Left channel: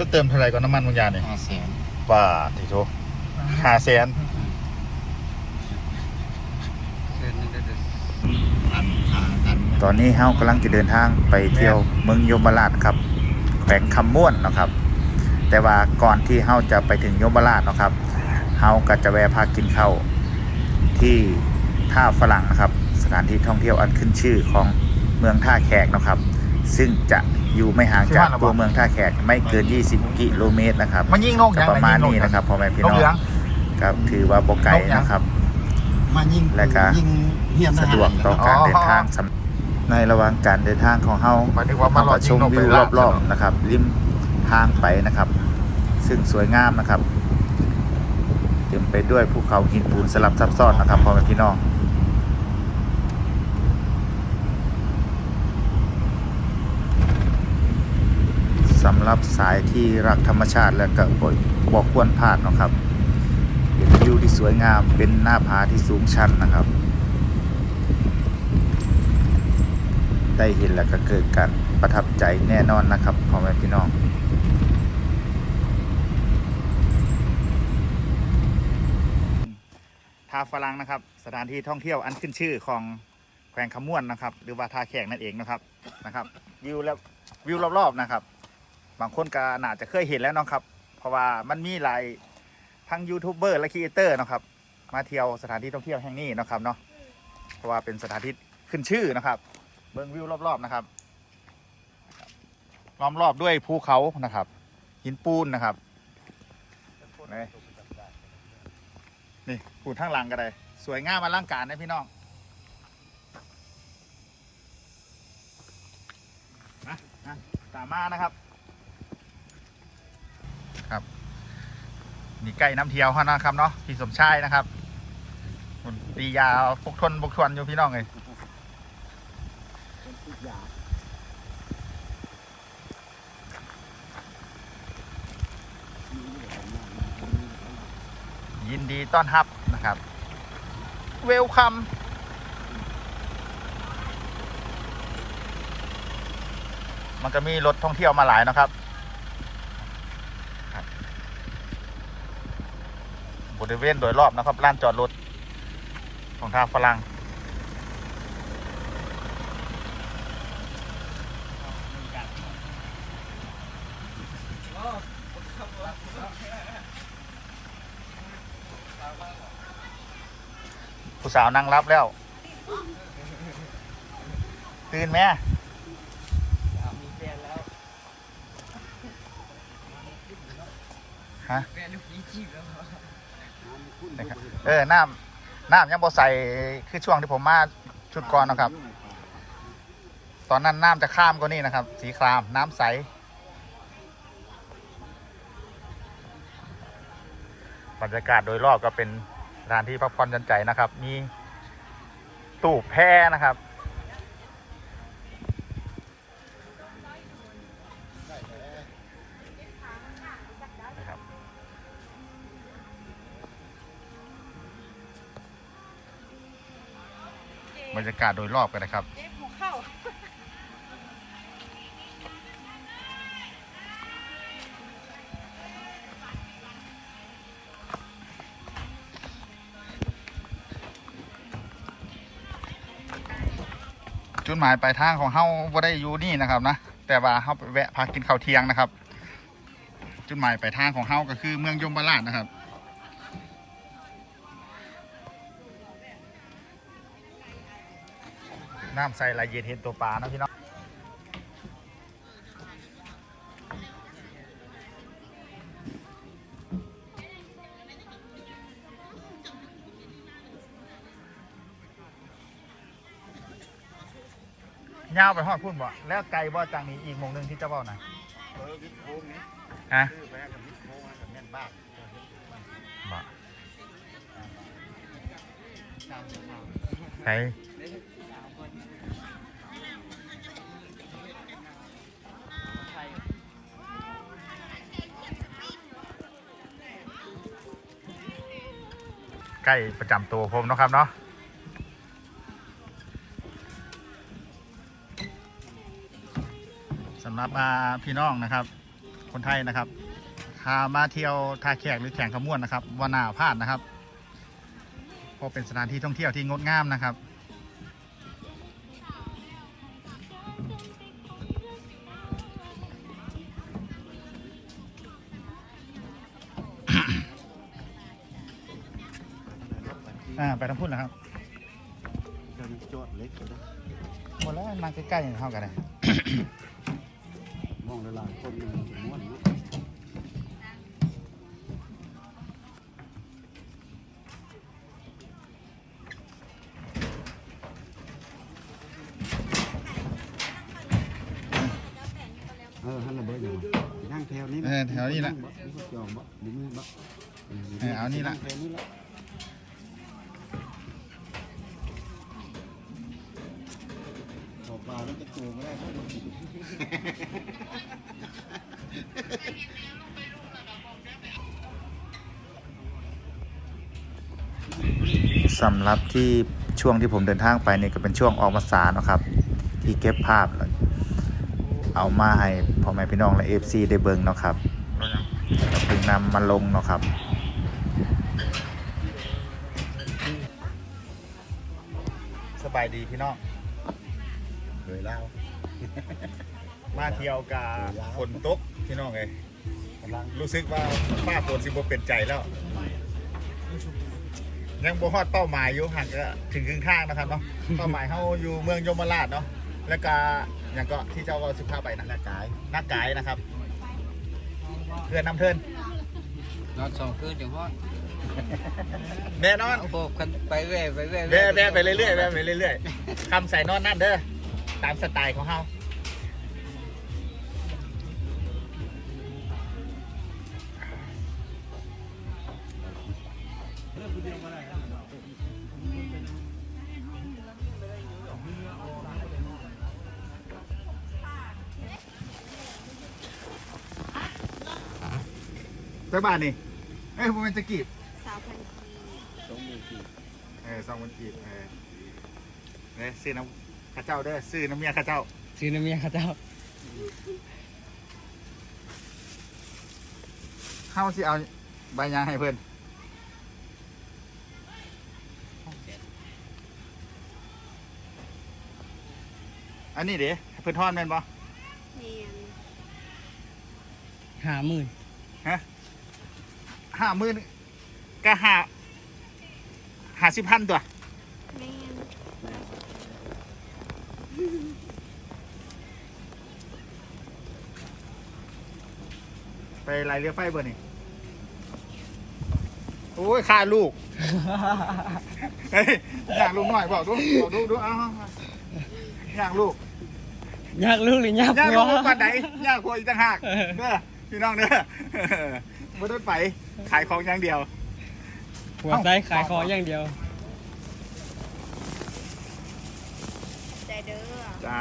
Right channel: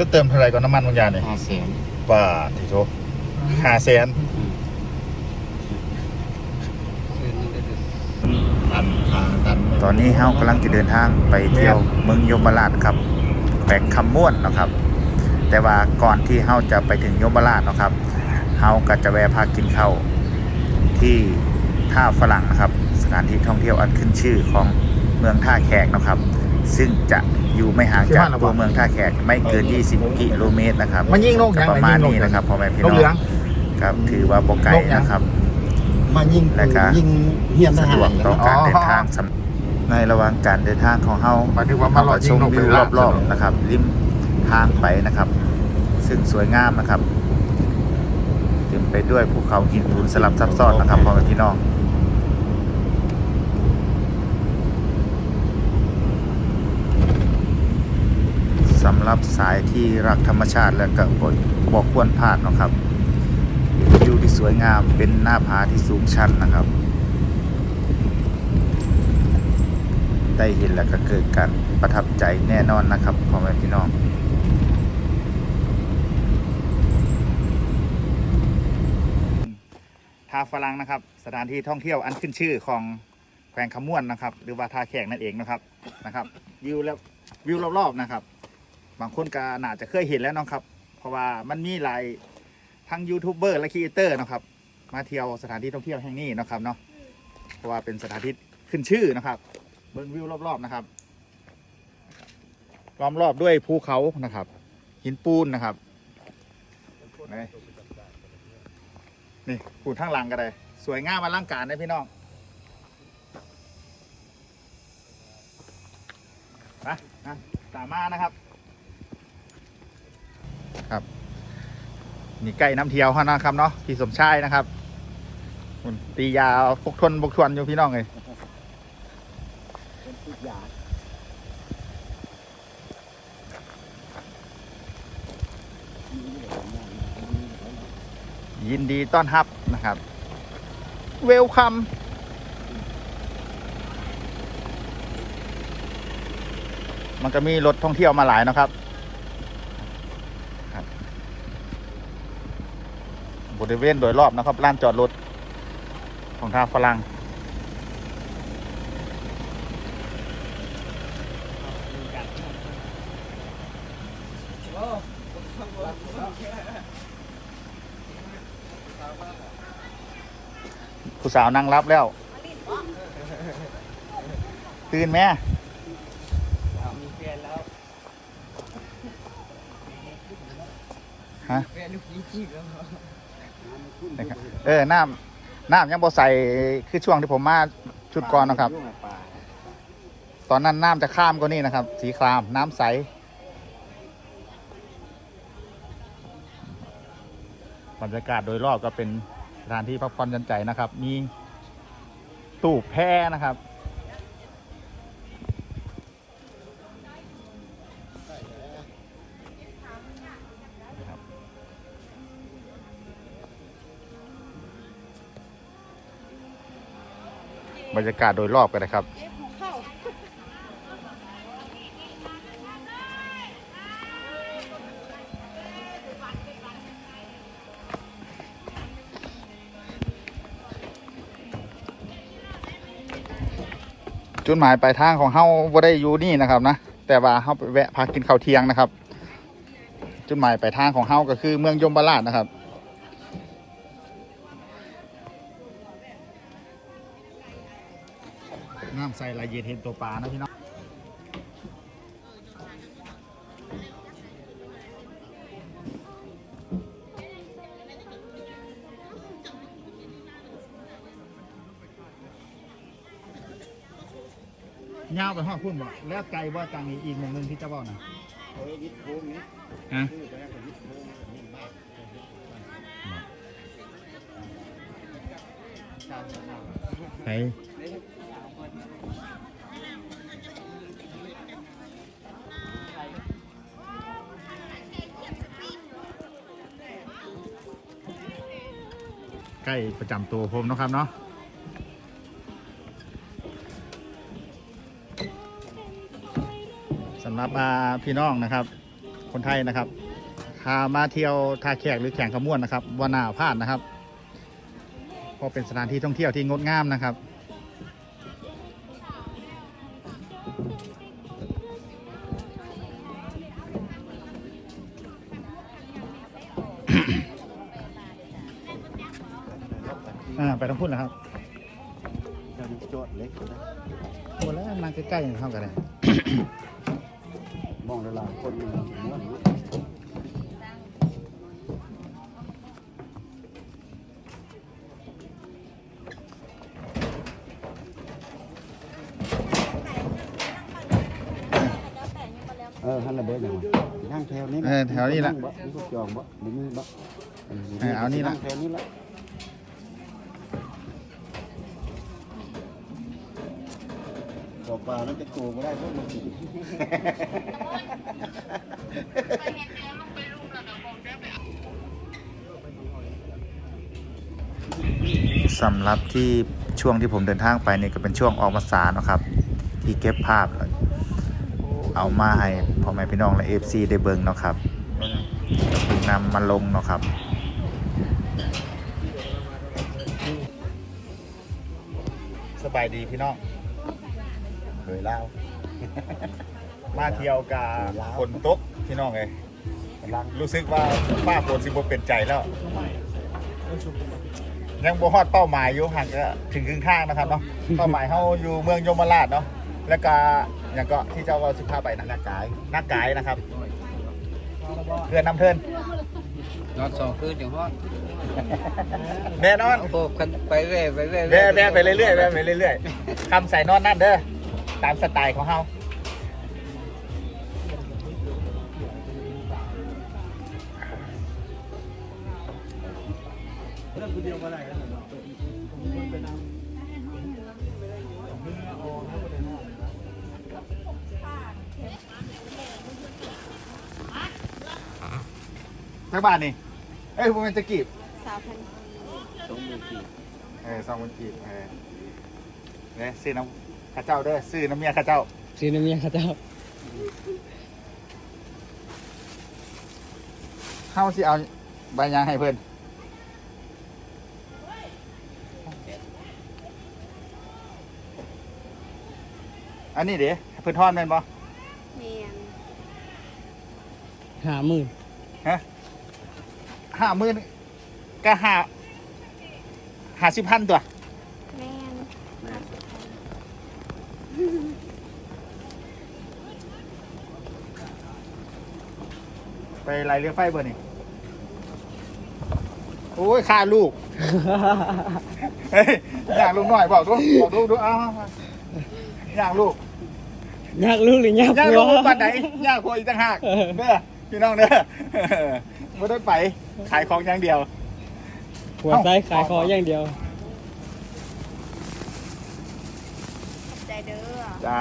จะเติมเท่าไหร่ก่อนน้ำมันบางอย่างเนี่ยห้าแสนบาททีโทห้าแสนแสนนึงได้เลยตันทางตันตอนนี้เฮากำลังจะเดินทางไปเที่ยวเมืองยมราชครับแขวงคำม่วนเนาะครับ แต่ว่าก่อนที่เฮาจะไปถึงยมราชเนาะครับเฮาก็จะแวะพักกินข้าวที่ท่าฝรั่งนะครับ สถานที่ท่องเที่ยวอันขึ้นชื่อของเมืองท่าแขกเนาะครับ ซึ่งจะอยู่ไม่ห่างจากตัวเมืองท่าแขกไม่เกิน 20 กิโลเมตรนะครับมันยิงนกก็ยังประมาณนี้นะครับพ่อแม่พี่นกน้องเหลืองครับถือว่าบ่ไกลนะครับมายิงและก็ยิงเฮียนทสะหารดวกต่อการเดินทางสำในระหว่างการเดินทางของเฮาหมายถึงว่าเฮาก็ชมวิวรอบๆนะครับ ริมทางไปนะครับ ซึ่งสวยงามนะครับเต็มไปด้วยภูเขาหินปูนสลับซับซ้อนนะครับพ่อแม่พี่น้อง สำหรับสายที่รักธรรมชาติและก็บ่บอกควรพลาดนะครับวิวที่สวยงามเป็นหน้าผาที่สูงชันนะครับ ได้เห็นแล้วก็เกิดการประทับใจแน่นอนนะครับพ่อแม่พี่น้องท่าฝรั่งนะครับ สถานที่ท่องเที่ยวอันขึ้นชื่อของแขวงขมวนนะครับ หรือว่าท่าแขกนั่นเองนะครับนะครับ วิวแล้ววิวรอบๆนะครับ บางคนก็น่าจะเคยเห็นแล้วนะครับ เพราะว่ามันมีหลายทั้งยูทูบเบอร์และครีเอเตอร์นะครับ มาเที่ยวสถานที่ท่องเที่ยวแห่งนี้นะครับเนาะเพราะว่าเป็นสถานที่ขึ้นชื่อนะครับ เบิ้งวิวรอบๆนะครับล้อมรอบด้วยภูเขานะครับ หินปูนนะครับนี่นี่ปูนข้างหลังก็ได้ สวยงามมาล่างการนะพี่น้องนะนะตามมานะครับ ครับนี่ใกล้น้ำเที่ยวเขานะครับเนาะพี่สมชายนะครับตียาพกทวนพกทวนอยู่พี่น้องเลยยินดีต้อนรับนะครับ เวลคัมมันก็มีรถท่องเที่ยวมาหลายนะครับ ริเวณโดยรอบนะครับลานจอดรถของทางฝรั่งผู้สาวนั่งรับแล้ว ตื่นไหมฮะ เออน้ำน้ำยังบ่ใส่คือช่วงที่ผมมาชุดก่อนนะครับ ตอนนั้นน้ำจะข้ามก็นี่นะครับ สีครามน้ำใสบรรยากาศโดยรอบก็เป็นสถานที่พักผ่อนหยันใจนะครับ มีตู้แพนะครับ รรยากาศโดยรอบกันนะครับเจ็บหัวเข่าจุดหมายปลายทางของเฮาบ่ได้อยู่นี่นะครับนะแต่ว่าเฮาไปแวะพักกินข้าวเที่ยงนะครับ จุดหมายปลายทางของเฮาก็คือเมืองยมราชนะครับ น้ำใสไหลเย็นเห็นตัวปลานะพี่น้องยาวไปหอดพุ่นบ่แล้วไกลบ่จังอีกอีกหมงหนึงที่เจะบอกนะฮะบ่ ไกลใกล้ประจำตัวผมนะครับเนาะสำหรับพี่น้องนะครับ คนไทยนะครับพามาเที่ยวท่าแขกหรือแข่งขมวนนะครับวานาพลาดนะครับ เพราะเป็นสถานที่ท่องเที่ยวที่งดงามนะครับ อ่าไปทางพุ่นนะครับจะโจทย์เล็กก็ได้หมดแล้วมาใกล้ๆอย่างเท่ากันเลยมองหลายๆคนมันม้วนเนาะ เออ ฮันละเบิดอย่างนั่งแถวนี้เออแถวนี้ละงบ่มีพวกจองบ่มีมือบ่เออเอานี่ละ งแถวนี้ละบอกปลาแล้วจะโตก็ได้ก็มากินสำหรับที่ช่วงที่ผมเดินทางไปนี่ก็เป็นช่วงออกพรรษาเนาะครับ ที่เก็บภาพ เอามาให้พ่อแม่พี่น้องและเอฟซีได้เบิ่งเนาะครับก็เพิ่งนำมาลงเนาะครับสบายดีพี่น้องเคยเล่า มาเที่ยวกับฝนตกพี่น้องเลยกำลังรู้สึกว่าป้าฝนสิบ่เป็นใจแล้ว ยังบ่ฮอดเป้าหมายอยู่ห่างก็ถึงครึ่งทางนะครับเนาะ เป้าหมายเฮาอยู่เมืองยมราชเนาะ แล้วก็อ ย่างก็ที่เจ้าว่าสิพาไปนะหน้ากายหน้ากายนะครับเพื่อนนำเทินนอนสองคืนอย่างฮอดแน่นอนเอาพวกกันไปเรื่อยไปเรื่อยแว่แว่ไปเรื่อยๆแว่ไปเรื่อยๆคำใส่นอนนั่นเด้อตามสไตล์ของเฮา จักบาทนี่เอ้ยผมเป็นสกีบสาวพันสองหมื่นสี่เออสองคนกีบเออเนี่ยซื้อน้ำข้าเจ้าเด้อซื้อน้ำเมียข้าเจ้า ซื้อน้ำเมียเขาเจ้าเข้าสิเอาใบยางให้เพื่อนอันนี้เดี๋ยวเพื่อนทอนแม่นบ่เมนห้าหมื่นฮะ ห้าหมื่นก็ห้าห้าสิบพันตัว แมนไปไล่เรือไฟเบอร์นี่โอ้ยค่าลูก เฮ้ยอยากลูกหน่อยบอกดูบอกดูดูเอาเอาเอาอยากลูก ยากรู้หรือ ยากอยากกลัลูวกปันไหนอยากคุยอีกต่างหากเออเด้อพี่น้องเด้อ ไม่ได้ไป ขายของอย่างเดียว หัวใจขายของอย่างเดียว ใจเด้อ จ้า